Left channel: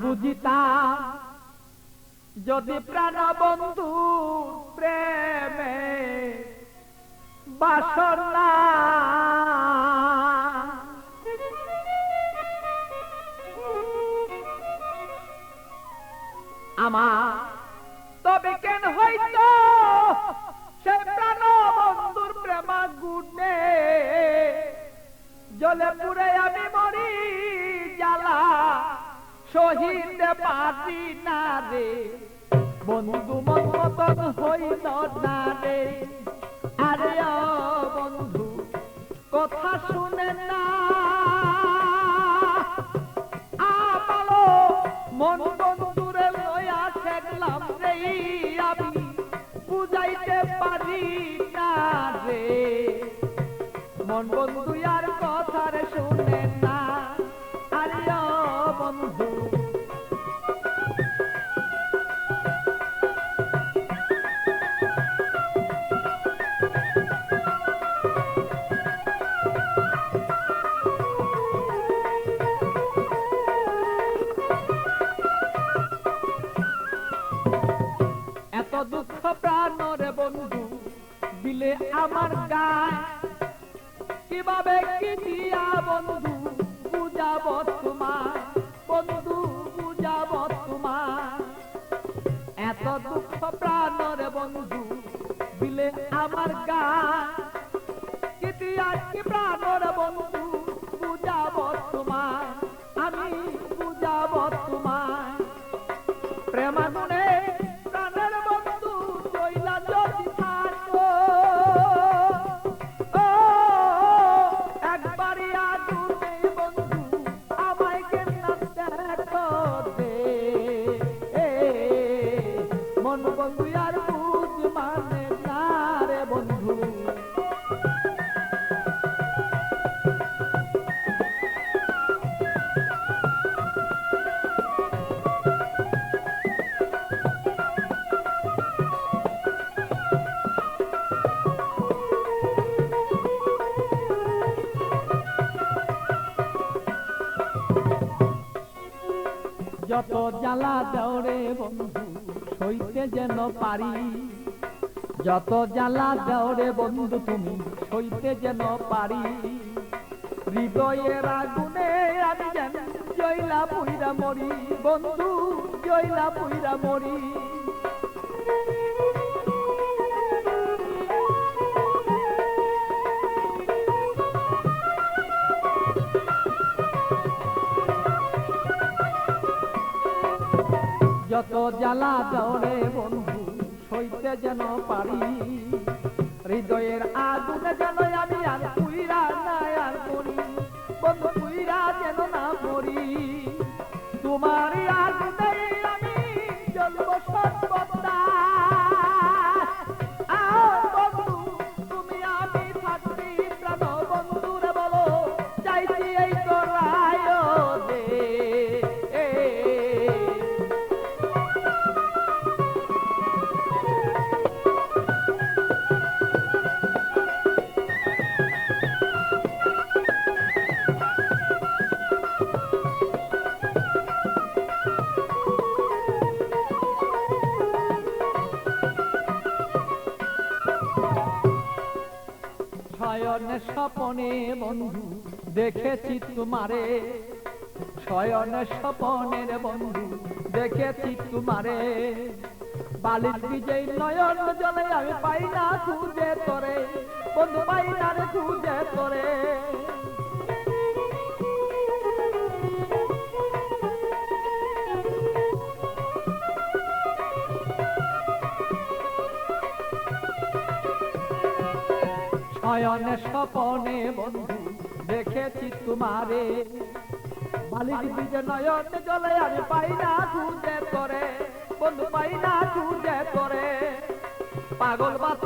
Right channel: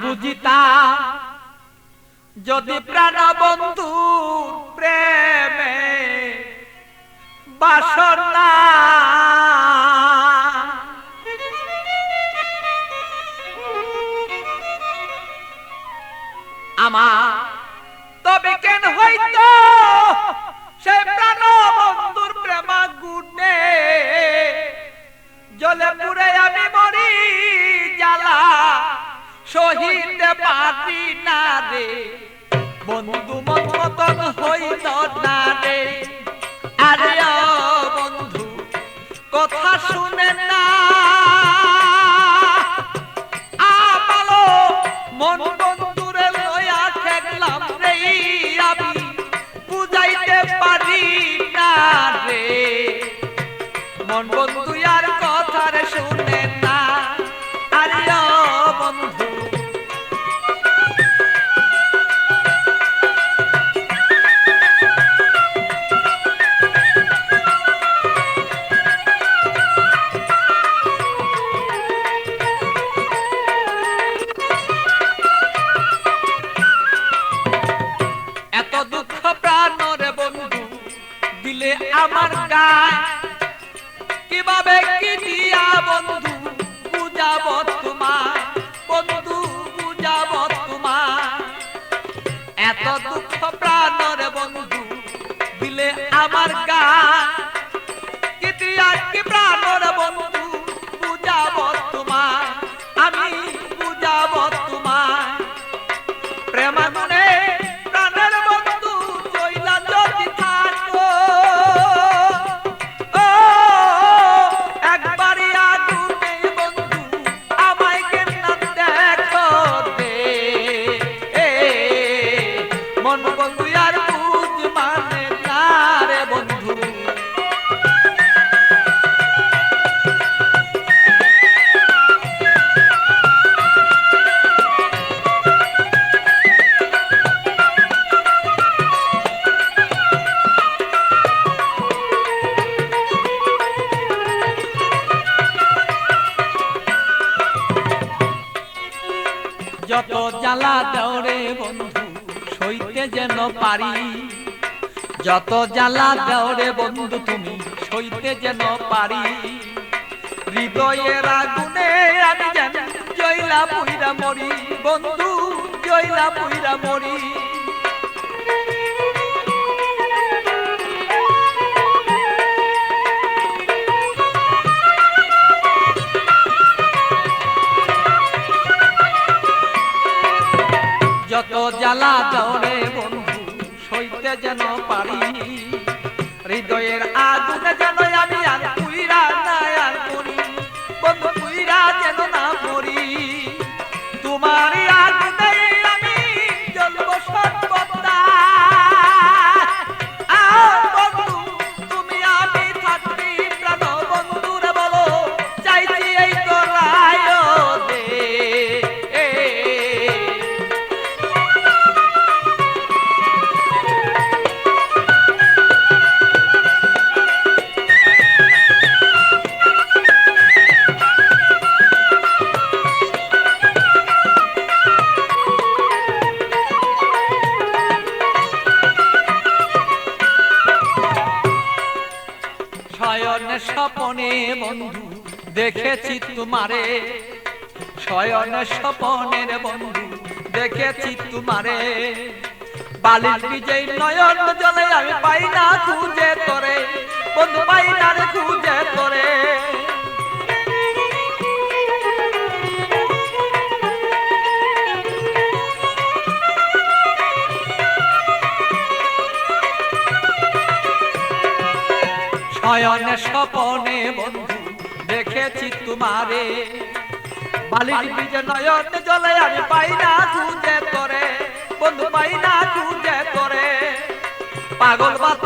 বুঝিতা যদি প্রাণ বন্ধু প্রেমে বাসনা আমার শহীদ পারি না রে। বন্ধু মন মতন হইল না রে। আরে বন্ধু কথা শুনে প্রাণরে বন্ধু দিলে আমার যত জ্বালা দেওরে বন্ধু, সইতে যেন পারি। যত জ্বালা দেওরে বন্ধু, তুমি সইতে যেন পারি। হৃদয়ের আগুনে আমি যেন জয়লা পুইরা মরি। বন্ধু জয়লা পুইরা মরি। যত জ্বালা দৌড়ে বন্ধু সইতে যেন পারি হৃদয়ের শয়ন স্বপনে বন্ধু, দেখেছি তোমারে। শয়ন স্বপনের বন্ধু, দেখেছি তোমারে। বালির বিজয় নয়ন জলে আমি পাই না খুঁজে তোরে। বন্ধু পাই না রে খুঁজে শয়নে স্বপনে বন্ধু, দেখেছি তোমারে। বালির বীজ নয়ন জলে আমি পাই না খুঁজে তোরে, বন্ধু পাই না খুঁজে তোরে। পাগল বাত